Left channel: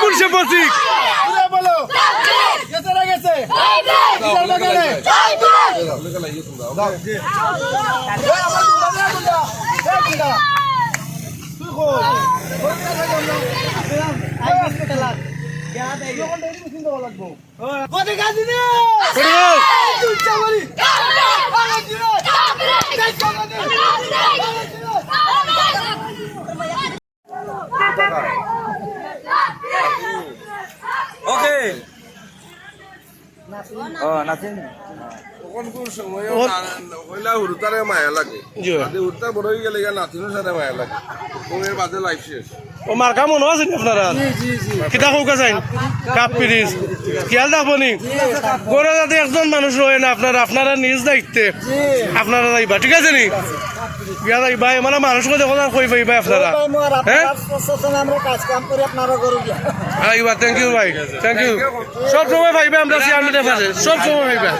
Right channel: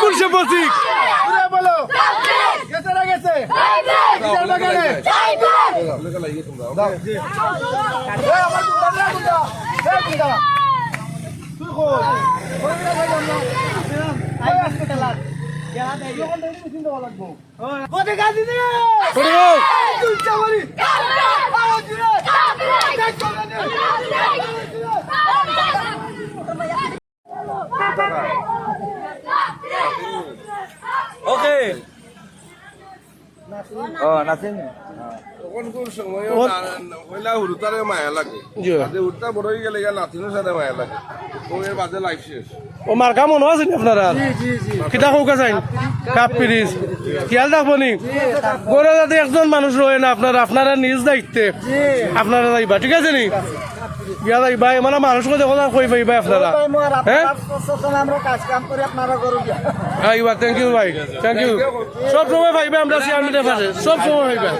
কুলশে basic বলো আমরা একটা বলব এই কুলসে প্রতীক ওকে ও মার্কা মনে আছে আপনারা কিতা কৌকা চাই কাপ পিরিজ খেয়াল রাখব নি? গড়ে যাতে একজন মানুষ রয়ে না আপনারা আপনারা নিজ দায়িত্বে। আপনারা যাইবা ঠিক আছে নি? বিয়া ইবাই মানে মানুষকে দেখো না কই পাইবা আপনারা? হ্যাঁ আমরা কাজ কাম করে আপনারা করো আইবা থ্যাংক ইউ ভাই থ্যাংক ইউ সব সময় ভাইবা আমরা চেয়ারম্যানের পাশে সব সময় ভাইবা